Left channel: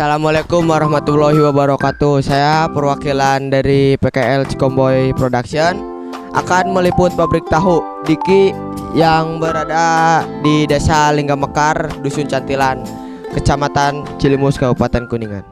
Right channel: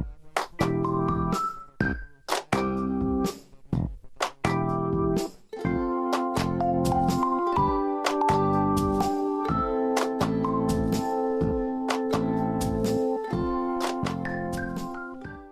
Assalamualaikum warahmatullahi wabarakatuh. Saya perwakilan dari PKL Cikomboy Production akan meliput pabrik tahu Diki yang berada di Desa Linggamekar, Dusun Cantilan, Kecamatan Cilimus, Kabupaten Kuningan.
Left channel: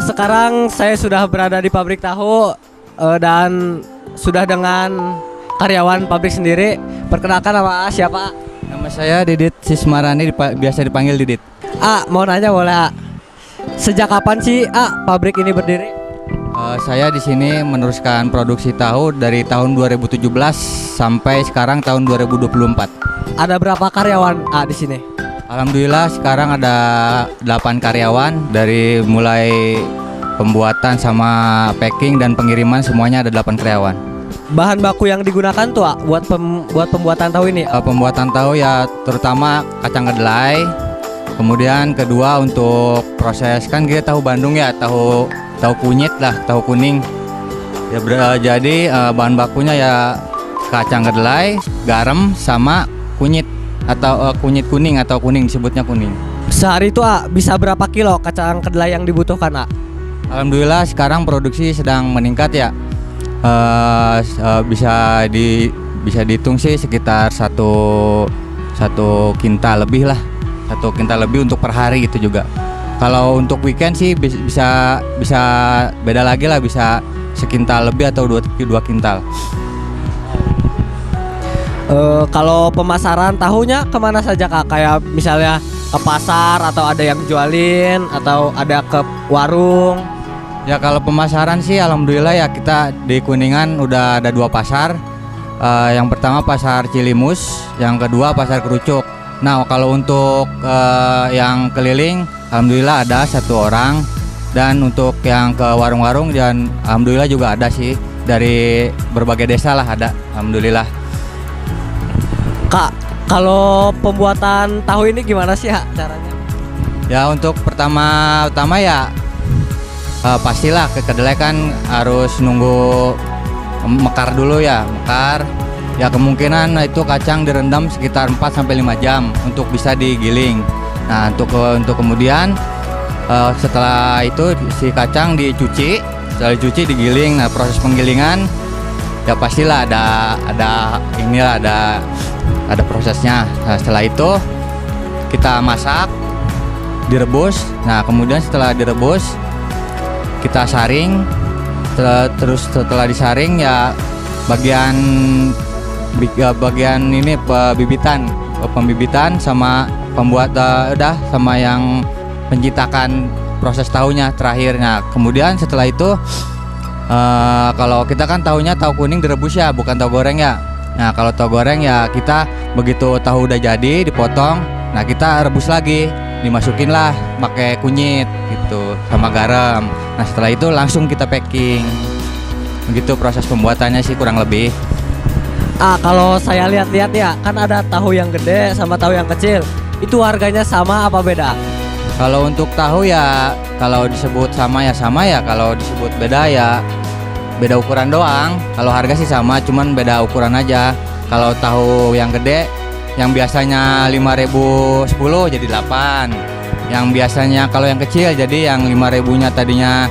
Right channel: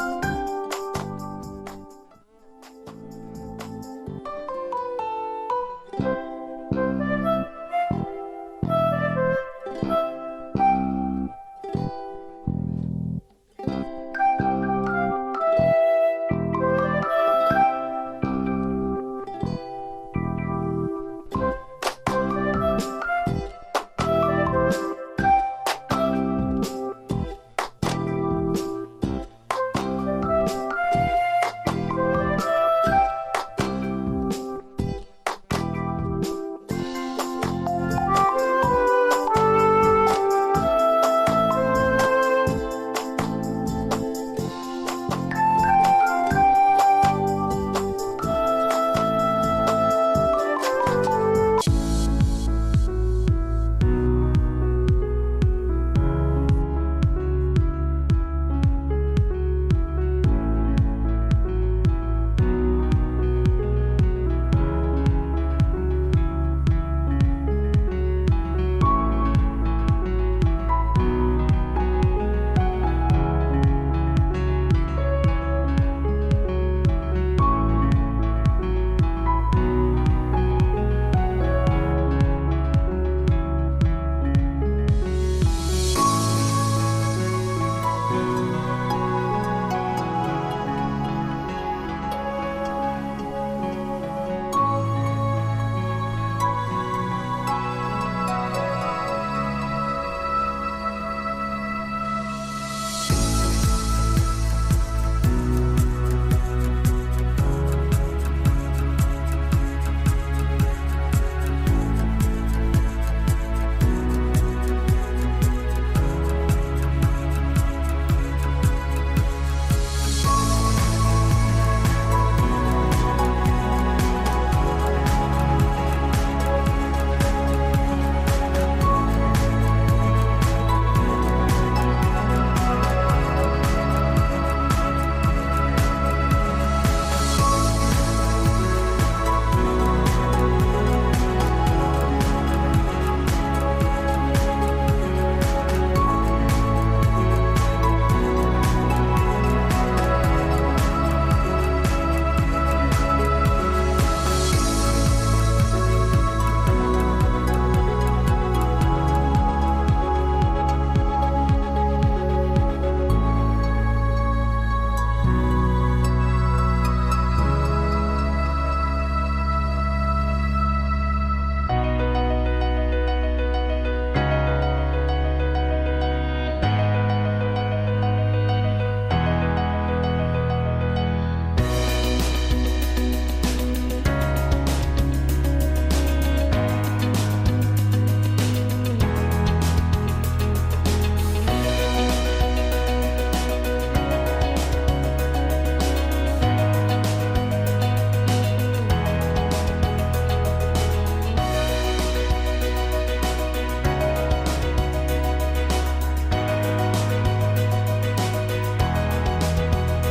Sekarang saya sudah berada di pabrik tahu dan sudah dengan karyawan pabrik sendiri. Perkenalkan nama siapa? Nama saya Didit Sismarani, biasa dipanggil Didit. Mau nanya boleh? Sejak kapan sih pabrik ini berdiri? Saya di sini meneruskan produksi tahu dari tahun 2017 sampai sekarang tahun 2024. Ada berapa karyawan di sini? Alhamdulillah sekarang ada 8 karyawan, dari mulai pembuatan sama packing dan pengiriman semuanya ada 8 karyawan. Bahan baku yang digunakan tuh buat pembuatan tahu ini? Pembuatan tahu ya terutama kacang kedelai. Kemudian kedua untuk proses, kan kita tahu Bandung ya, tahu kunyit lah, tahu kuning. Ya jadi bahan bakunya ya kacang kedelai, garam sama kunyit atau kunyit kuning atau kuning, disebutnya kuning. Sehari itu bisa berapa kilo kacang kedelai yang dibutuhkan? Alhamdulillah sekarang produksi sedang meningkat ya. Bisa dihitung sih sekitar satu kintal lebih lah, 1 kintal lebih untuk per hari gitu juga. Kalau untuk weekend sih bisa beda lagi lah, bisa sekintal lebih atau 2 kintal. Kalau pemasaran tahunya kemana saja Kak? Kayak misalnya ke pasar atau ada yang jualin atau ada ke warung? Ya kalau pemasaran sih alhamdulillah ya, kita di Kuningan udah ada 2 pasar. Yang pertama pasar Cilimus, yang kedua pasar Kerucuk. Nah kalau untuk yang keliling alhamdulillah ada 1 orang, dan untuk yang ke warung-warung dan alhamdulillah juga ada sih, dari berbagai desa lah ada, alhamdulillah. Kak, kalau pembuatan tahu ini gimana sih caranya? Ya untuk utama ya pastilah ke kedelai kan harus nunggu mekar dulu ya, mekar. Ya kemungkinan itu kacang direndam sekitar 4-5 jam untuk bisa digiling. Nah untuk kemudian setelah itu si kacang dicuci, setelah dicuci digiling. Nah proses penggilingan ya pastilah ada prosesnya. Nah, setelah itu kita masak, direbus. Nah kemudian setelah direbus kita saring. Setelah disaring ya bagian ini pembibitan sama sama yang menciptakan proses tahunya terakhir. Nah kemudian setelah itu kalau kita kan tahunya tahu kuning direbus ya, bukan tahu goreng ya. Nah kalau tahu goreng ya kita begitu tahu udah jadi dipotong, nah kita rebus lagi, dimasukin lah pakai kunyit gitu sama garam. Nah setelah itu langsung kita packing. Begitu proses pembuatannya sih kurang lebih. Kalau saya lihat-lihat ya, kan ada tahu yang gede sama tahu yang kecil. Itu harganya sama apa beda? Kalau untuk tahu ya, kalau disebut sama ya, kalau disebut beda ya beda ukuran doang. Kalau harga sih sama, cuman beda ukuran aja. Kalau tahu yang gede, yang biasanya 5.000 10 jadi 8. Yang biasanya kalau yang kecil jadi yang 5.000-nya tadinya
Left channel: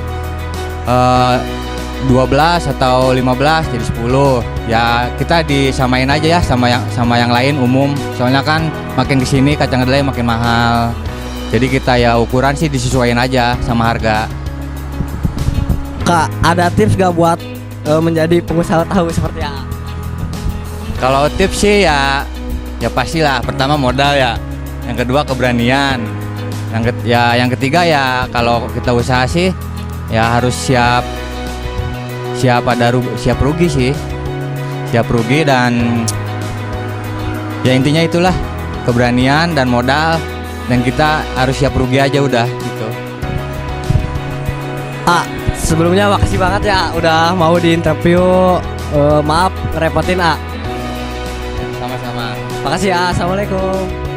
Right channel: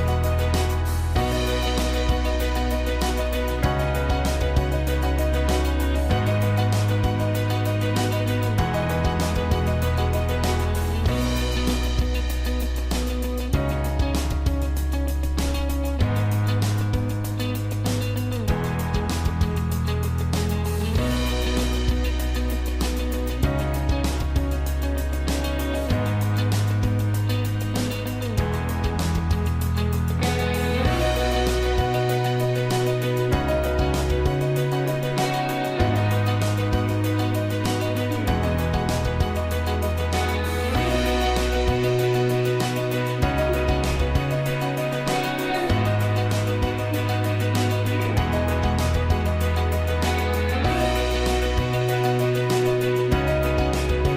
12 atau 15 jadi 10. Ya kita disamain aja ya sama yang lain umum. Soalnya kan makin kesini kacang kedelai makin mahal. Jadi kita ya ukuran sih disesuaikan aja sama harga. Kak, ada tips gak buat menjadi pengusaha tahu seperti apa? Kalau tips sih ya pastilah pertama modal ya. Yang kedua keberanian. Yang ketiga ya kalau kita usaha sih ya harus siap rugi sih. Siap rugi dan ya intinya itulah keberanian dan modal dan kita harus siap rugi aja udah gitu. Sebelumnya makasih banget ya udah mau di interview. Maaf repotin Sama-sama. Makasih ya. Assalamualaikum.